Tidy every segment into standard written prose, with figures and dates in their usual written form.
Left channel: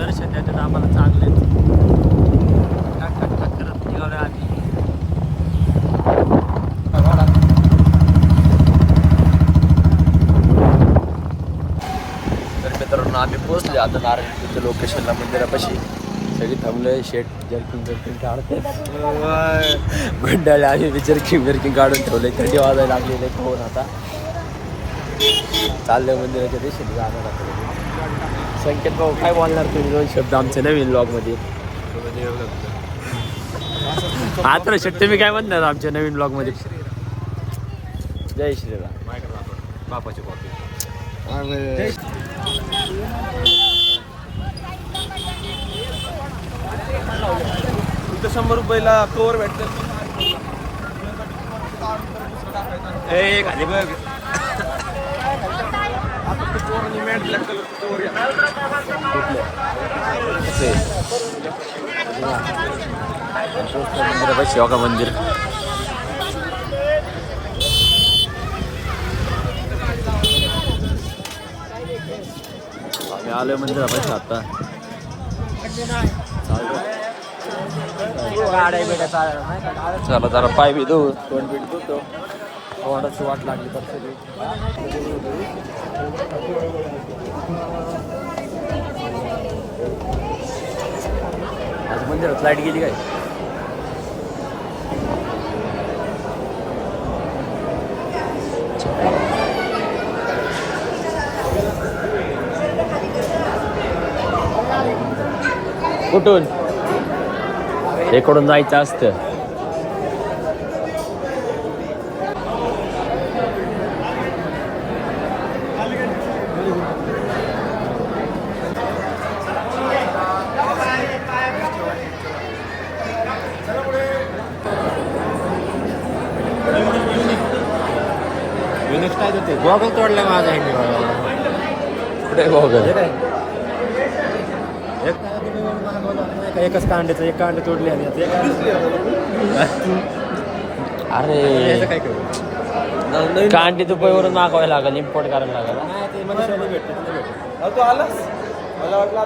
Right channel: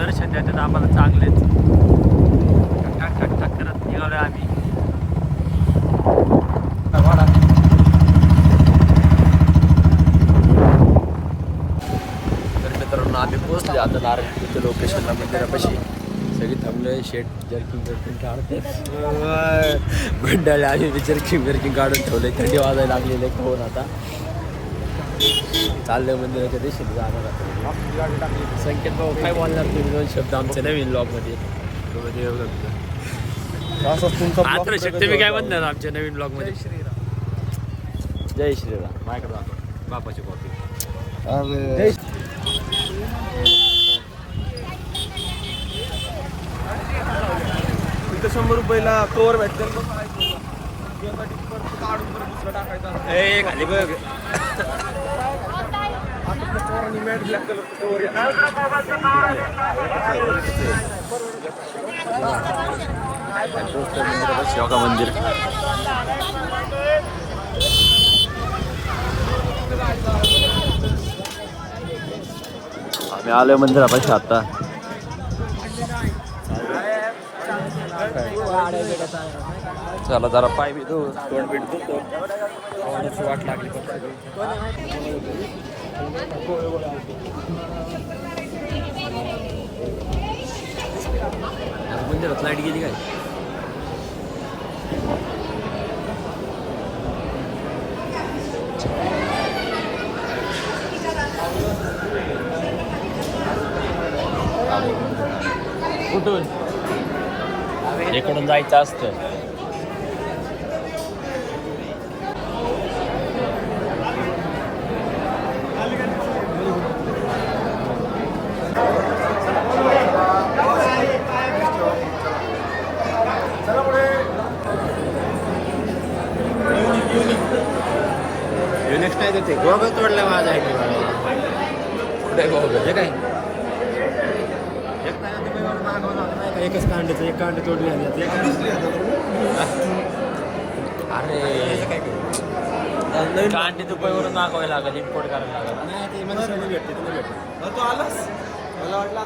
दर्शन देतात आम्हाला चांगले करत निघालोय आम्ही. तर मित्रांनो आम्ही पोहोचले आता नारायणपूरच्या लोकेशनला मंदिरापाशी. सगळी थांबलोय. शेट जर्किंग काढतात मंडळी. आम्ही जर्किंग काढून ठेवलंय. थंडी वाजायला लागलेलं आहे खाऊन. आता चाललंय मंदिराच्या दिशेने जाणार आता. संकेत भाऊ काय बोलणार तुम्ही 2 शब्द आमच्या नवीन ब्लॉगमध्ये? आता शक्य मी काय म्हणणार आमच्या नवीन ब्लॉगमध्ये? जय श्रीराम. बापाची कॉपी. इथं 100 रुपयाला कवर भेटते. योगा मंदिर. आम्ही आलोय मंदिरापाशी आता. चला जरा पाय बी धुवू. तोंड बीट धुतो. तोंडाची वाट लागली फक्त. आज मंदिरात लाईट गेली काय? कुठून? इकडून जायचं असतं. नेक्स्ट काय होते? गॉगल तोडला माझा. कुठे गॉगल? काय एकच कांड्याचं एक कांडे तोडली. आणि अरे कांडे दुबईवरून नाकावे लागेल. इम्पोर्ट करायला लागेल. नाही ते मला भेटते. तुला भेटते. तू आलास? मला वाटलं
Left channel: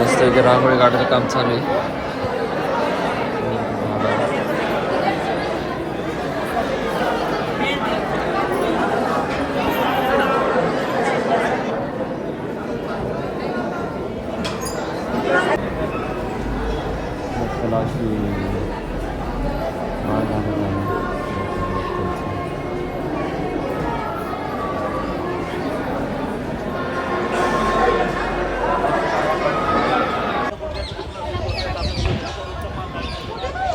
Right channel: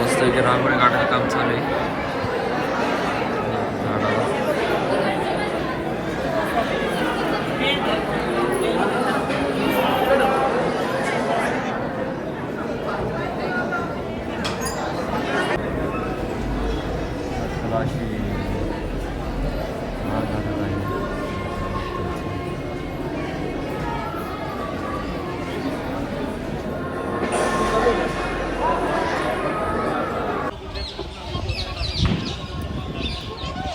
मस्त की रांगोळी काढायचं काम चालू आहे.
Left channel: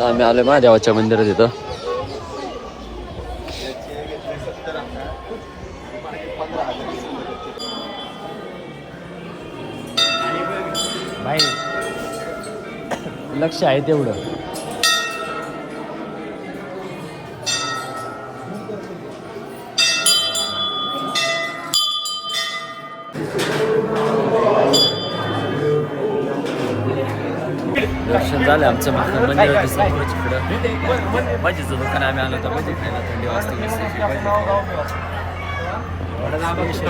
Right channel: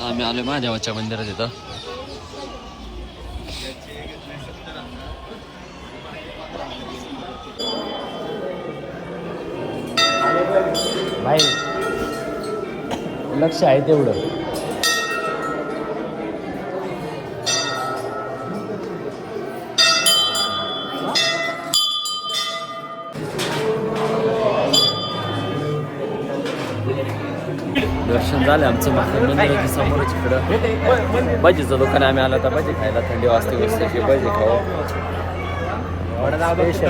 आम्ही आलोय महादेवाच्या मंदिरात. इथं भाई लक्ष आहे तेवढं. दर्शन झालं आमचं. मंदिराच्या समोर भजीचं दुकान. आम्ही आलो तर भजी खायला. थंडी वाजते मस्त. भजी खाऊ.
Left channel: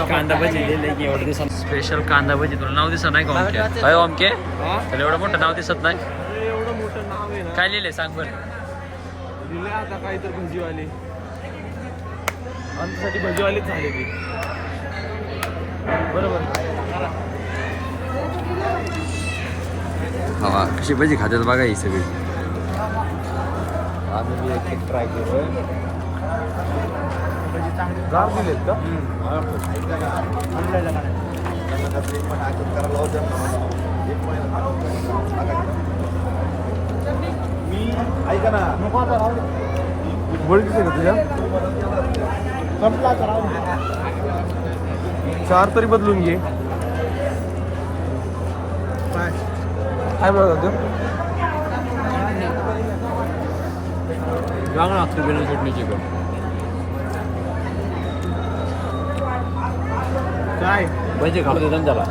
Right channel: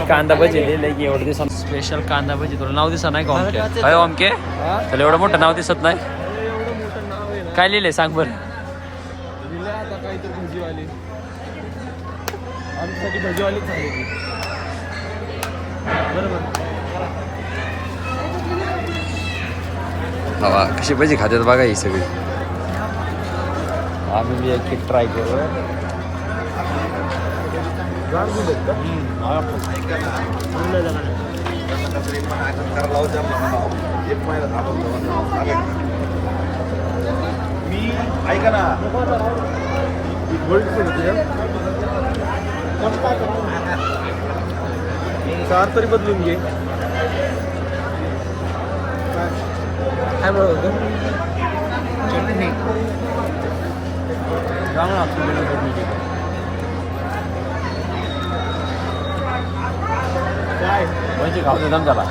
कांदा भजी दिले की एवढं दिवसात. स्पेशल कांदा भजी. तुला नाव दिसत नाही का ओमके? अय ओमके त्याला एवढं मोठं नाव दिसत नाही. एवढं मोठं नाव आहे ना. काय लिहिलंय सांग बरं? दिले आता काहीतरी भजीवाली. आमच्यासाठी भजीवालीच झाली ती. बरोबर. हवा कशी भजी खात्यात बघा ही सगळी. आम्ही एक ट्राय करूया. ऐका ना. चार तरी बदलून घे. काय म्हणत लागतो बिना चटणीची पण. काय भजी खाऊ दम झाला.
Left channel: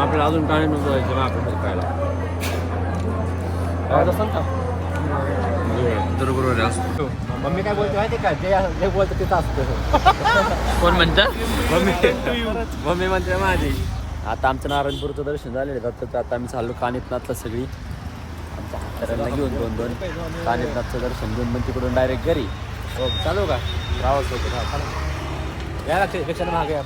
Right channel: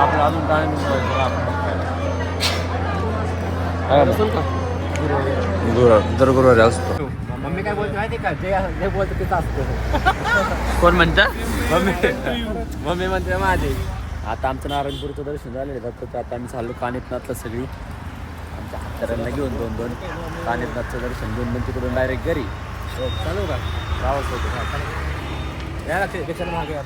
आपल्याला अजून काय नको आपण खायला. दर गुरुवारी असतो. मम्मी काय बोलते माहिती का, जे बोलतं तेच असतं. कोण म्हणतं? मम्मी म्हणते माझी. आता आमचं नारायणपूरचं दर्शन झालेलं आहे. तर आता आम्ही चाललो कानिपनाथला सगळी आमच्या हातकऱ्यांना घेऊन दोन कानिपनाथचं दर्शन घेऊन मग तिकडून डायरेक्ट घरी. हो चालू का? राहावंच होतं. या लक्ष रिक्षाने मागे या.